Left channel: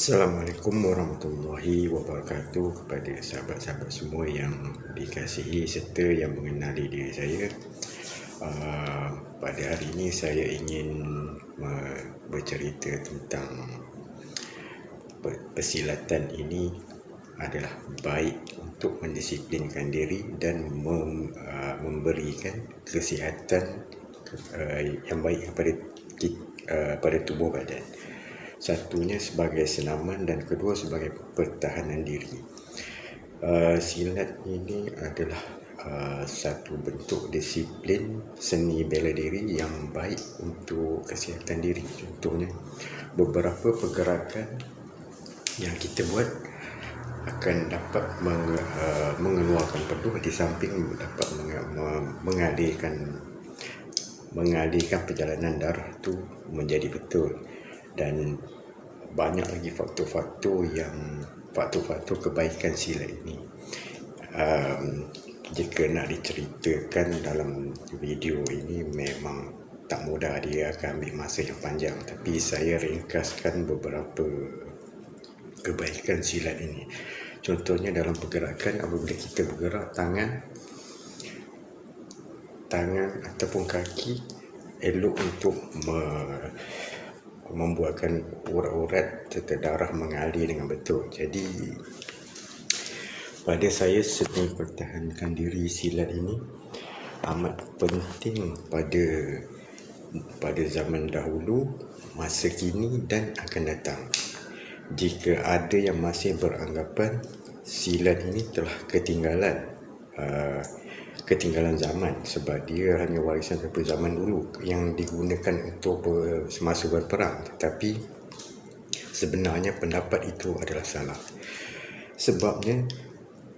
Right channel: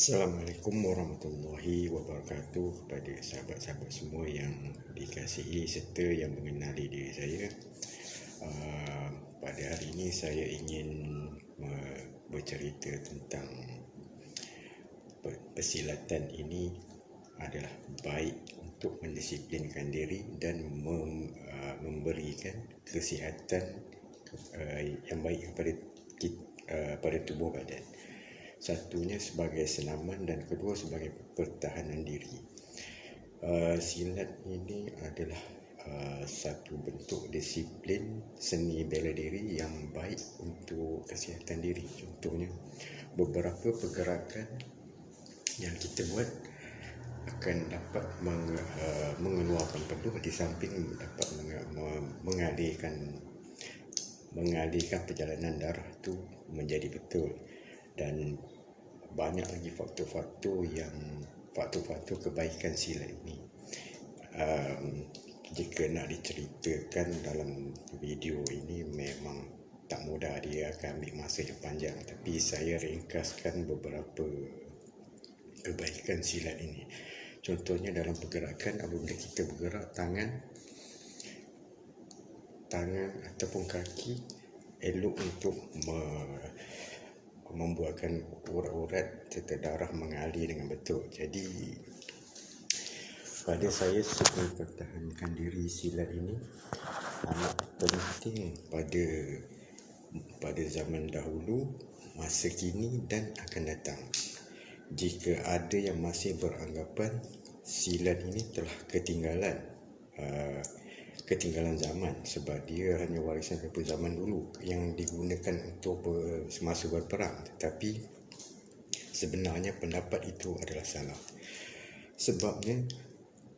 Assalamualaikum warahmatullahi wabarakatuh kepada sahabat-sahabat semua yang dikasihi serta yang mengenali diri saya. Pada hari ini saya ingin bercerita tentang persilatan ini adalah baik untuk mendisiplinkan diri dan memberikan kesihatan yang baik pada tubuh badan. Satunya sebagai senaman dan kedua sebagai pertahanan diri. Silat ini adalah satu bentuk disiplin seni bela diri yang baik untuk kesihatan diri. Contohnya, beberapa pergerakan yang kita buat akan dapat mengeluarkan peluh di samping dapat mengalihkan perjalanan darah tu menjadi betul. Dan banyak lagi faktor-faktor kebaikan silat ini. Jika nak diceritakan dalam video ini memang tak mudah, dia akan ambil masa yang panjang, tapi saya ringkaskan beberapa kebaikan silat ini. Contohnya dalam pergerakan, apabila kita bergerak tangan ataupun kaki, elok untuk membuatkan urat-urat serta darah mengalir dengan betul. Jadi pada saya, seni pertahankan diri silat ini amat penting pada zaman dahulu, masa kini dan akan datang. Jika ada yang masih beranggapan silat ini telah ketinggalan zaman sebab dia hanya warisan daripada zaman dulu yang digunakan untuk semasa berperang, tetapi sebenarnya pendapat itu adalah salah. Sebabnya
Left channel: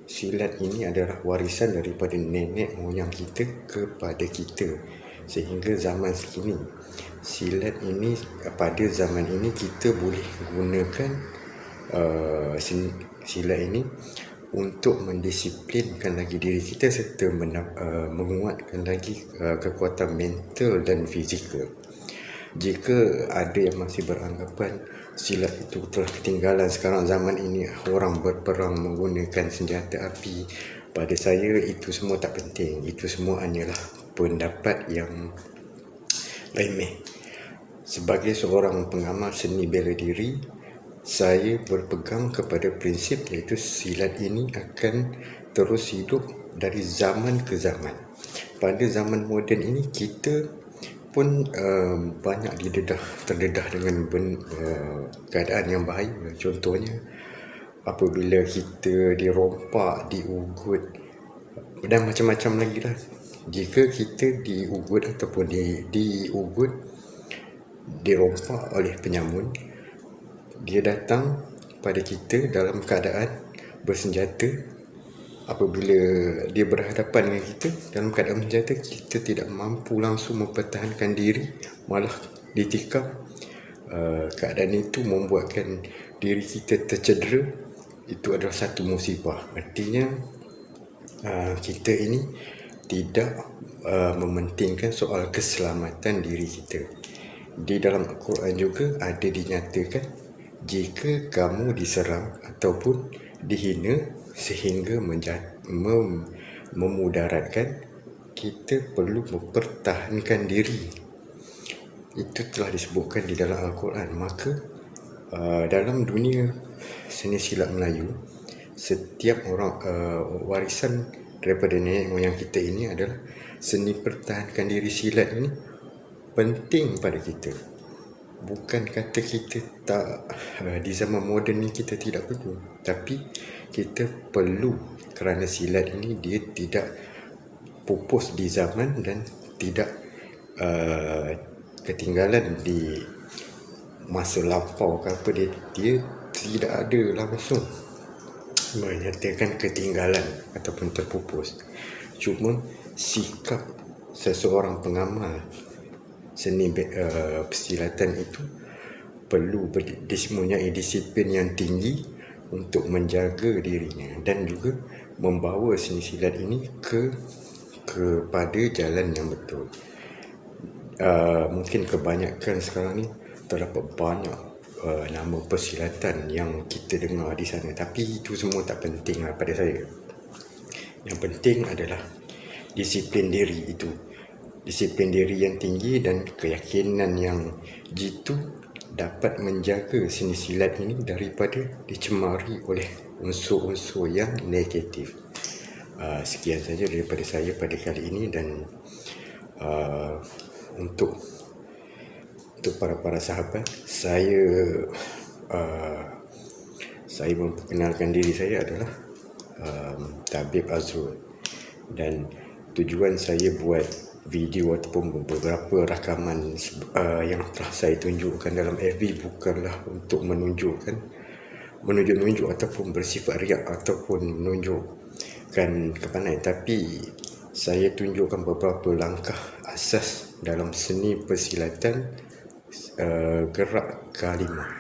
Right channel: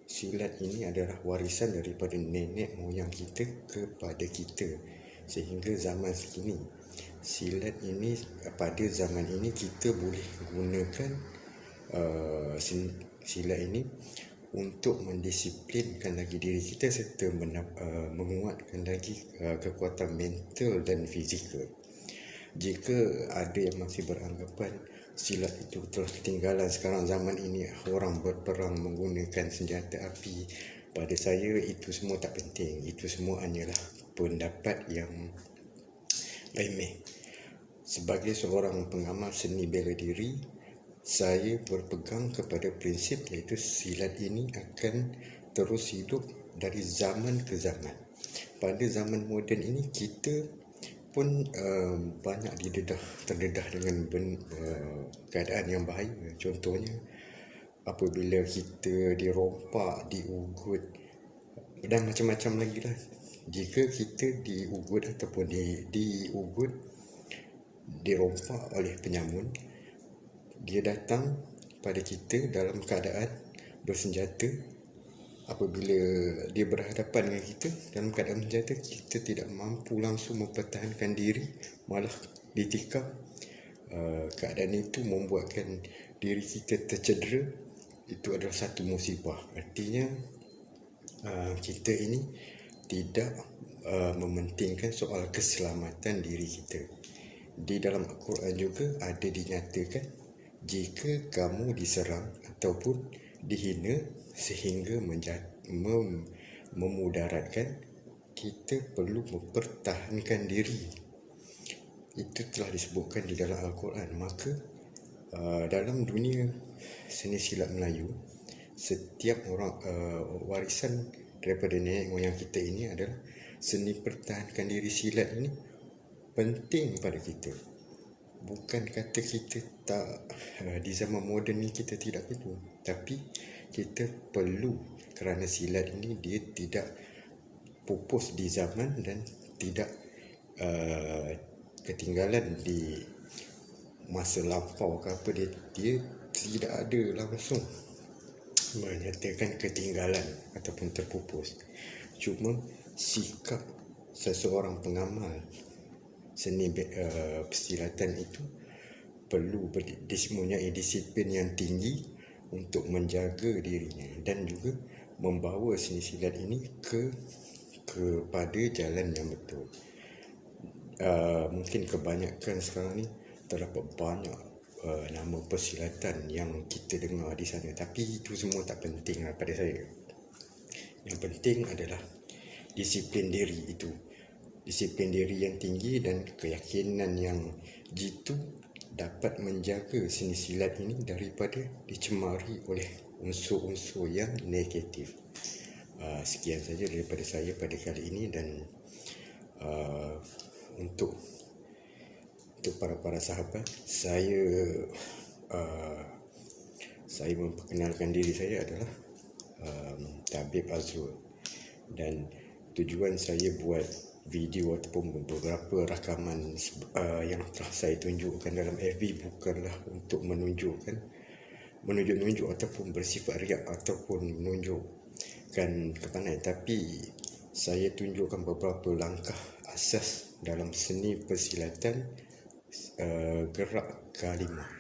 silat ini adalah warisan daripada nenek moyang kita kepada kita sehingga zaman sekini. Silat ini, pada zaman ini kita boleh gunakan silat ini untuk mendisiplinkan lagi diri kita serta menguatkan lagi kekuatan mental dan fizikal. Jika ada yang masih beranggapan silat itu telah ketinggalan, sekarang zaman ini orang berperang menggunakan senjata api, pada saya itu semua tak penting. Itu semua hanyalah pendapat yang remeh. Sebagai seorang pengamal seni bela diri, saya berpegang kepada prinsip iaitu silat ini akan terus hidup dari zaman ke zaman. Pada zaman moden ini kita pun banyak terdedah dengan keadaan yang bahaya. Contohnya apabila kita dirompak, diugut dan macam-macam lagi lah. Jika kita diugut ataupun dirompak oleh penyamun, dia datang pada kita dalam keadaan bersenjata. Apabila dia berhadapan dengan kita dalam keadaan bersenjata, kita tidak mampu langsung mempertahankan diri, malah ditikam. Keadaan itu membuatkan diri kita tercedera. Itu adalah satu musibah. Artinya kita ini tidak mementingkan soal keselamatan diri kita. Di dalam Al-Quran juga ada dinyatakan, jika kamu diserang ataupun dihina sehingga memudaratkan, kita perlu mempertahankan diri. Itu telah disebutkan di dalam Al-Quran. Maka dalam dunia seni silat Melayu, setiap orang warisan daripada nenek moyang kita ini adalah seni pertahankan diri silat ini penting pada kita. Bukan kata kita tak di zaman moden ni kita tidak perlu, tapi kita perlu kerana silat ini dia tidak pupus di zaman dan tidak ketinggalan di masa lampau ke apa. Dia tidak ada langsung menyatakan ketinggalan ataupun terpupus. Cuma sikap seseorang pengamal seni persilatan itu perlu mempunyai disiplin yang tinggi untuk menjaga dirinya dan juga membawa seni silat ini kepada jalan yang betul. Mungkin kebanyakan sekarang ni terdapat banyak nama persilatan yang kita dengar di sana. Tapi itu semua tak penting lah pada saya. Yang penting adalah disiplin diri itu. Disiplin diri yang tinggi dan keyakinan yang jitu dapat menjaga seni silat ini daripada dicemari oleh unsur-unsur yang negatif. Sekian saja daripada saya pada kali ini, dan untuk para sahabat, saya memperkenalkan diri saya adalah Tabib Azrul, dan tujuan saya buat video ataupun beberapa rakaman yang telah saya tunjukkan dalam FB bukanlah untuk menunjuk ataupun bersifat riak ataupun menunjukkan kepandaian, tapi saya tunjukkan beberapa langkah asas dalam seni persilatan gerak kalimah.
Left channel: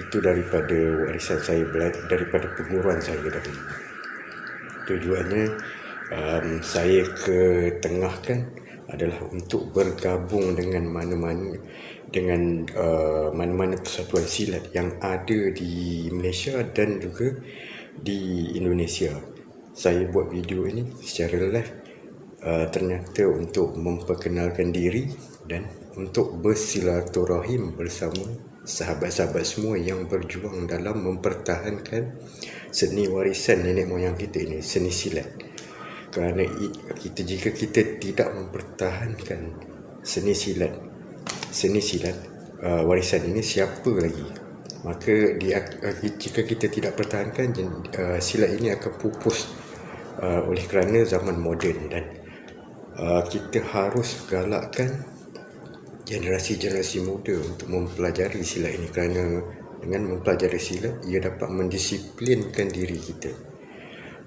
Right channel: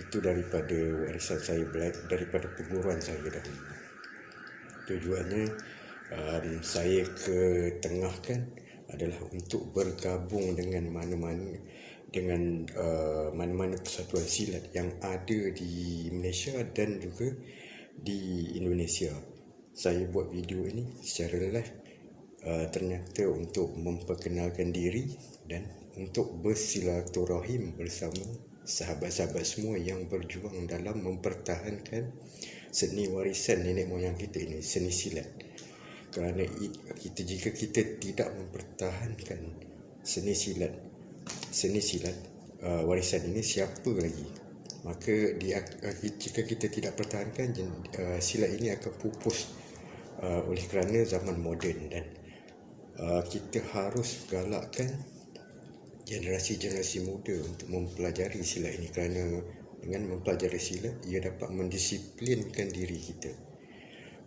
Itu daripada warisan saya, daripada perguruan saya dahulu. Tujuannya saya ketengahkan adalah untuk bergabung dengan mana-mana persatuan silat yang ada di Malaysia dan juga di Indonesia. Saya buat video ini secara live ternyata untuk memperkenalkan diri dan untuk bersilaturahim bersama sahabat-sahabat semua yang berjuang dalam mempertahankan seni warisan nenek moyang kita ini, seni silat. Kerana jika kita tidak mempertahankan seni silat warisan ini, siapa lagi? Maka jika kita tidak pertahankan, silat ini akan pupus oleh kerana zaman moden, dan kita harus galakkan generasi muda untuk mempelajari silat ini, kerana dengan mempelajari silat ia dapat mendisiplinkan diri kita,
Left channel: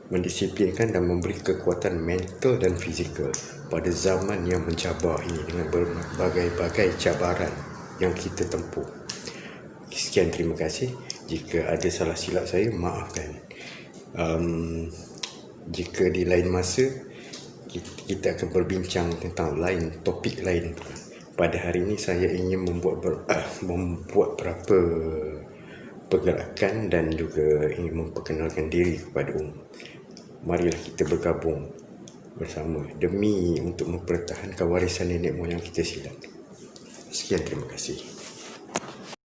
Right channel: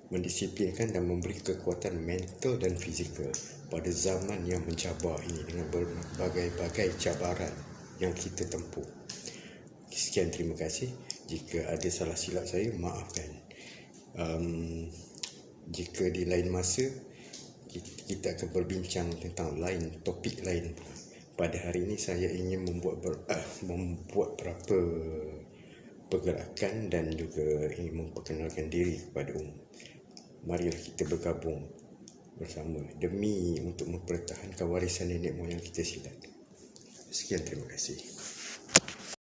mendisiplinkan dan memberi kekuatan mental dan fizikal pada zaman yang mencabar ini dengan berbagai-bagai cabaran yang kita tempuh. Sekian, terima kasih. Jika ada salah silap saya, maafkan. Jika di lain masa kita akan berbincang tentang topik lain. Pada hari ini saya ingin membuat beberapa pergerakan dan juga ingin memperkenalkan diri kepada umum. Marilah kita bergabung bersama demi untuk mempertahankan warisan nenek moyang kita silat. Sekian, terima kasih.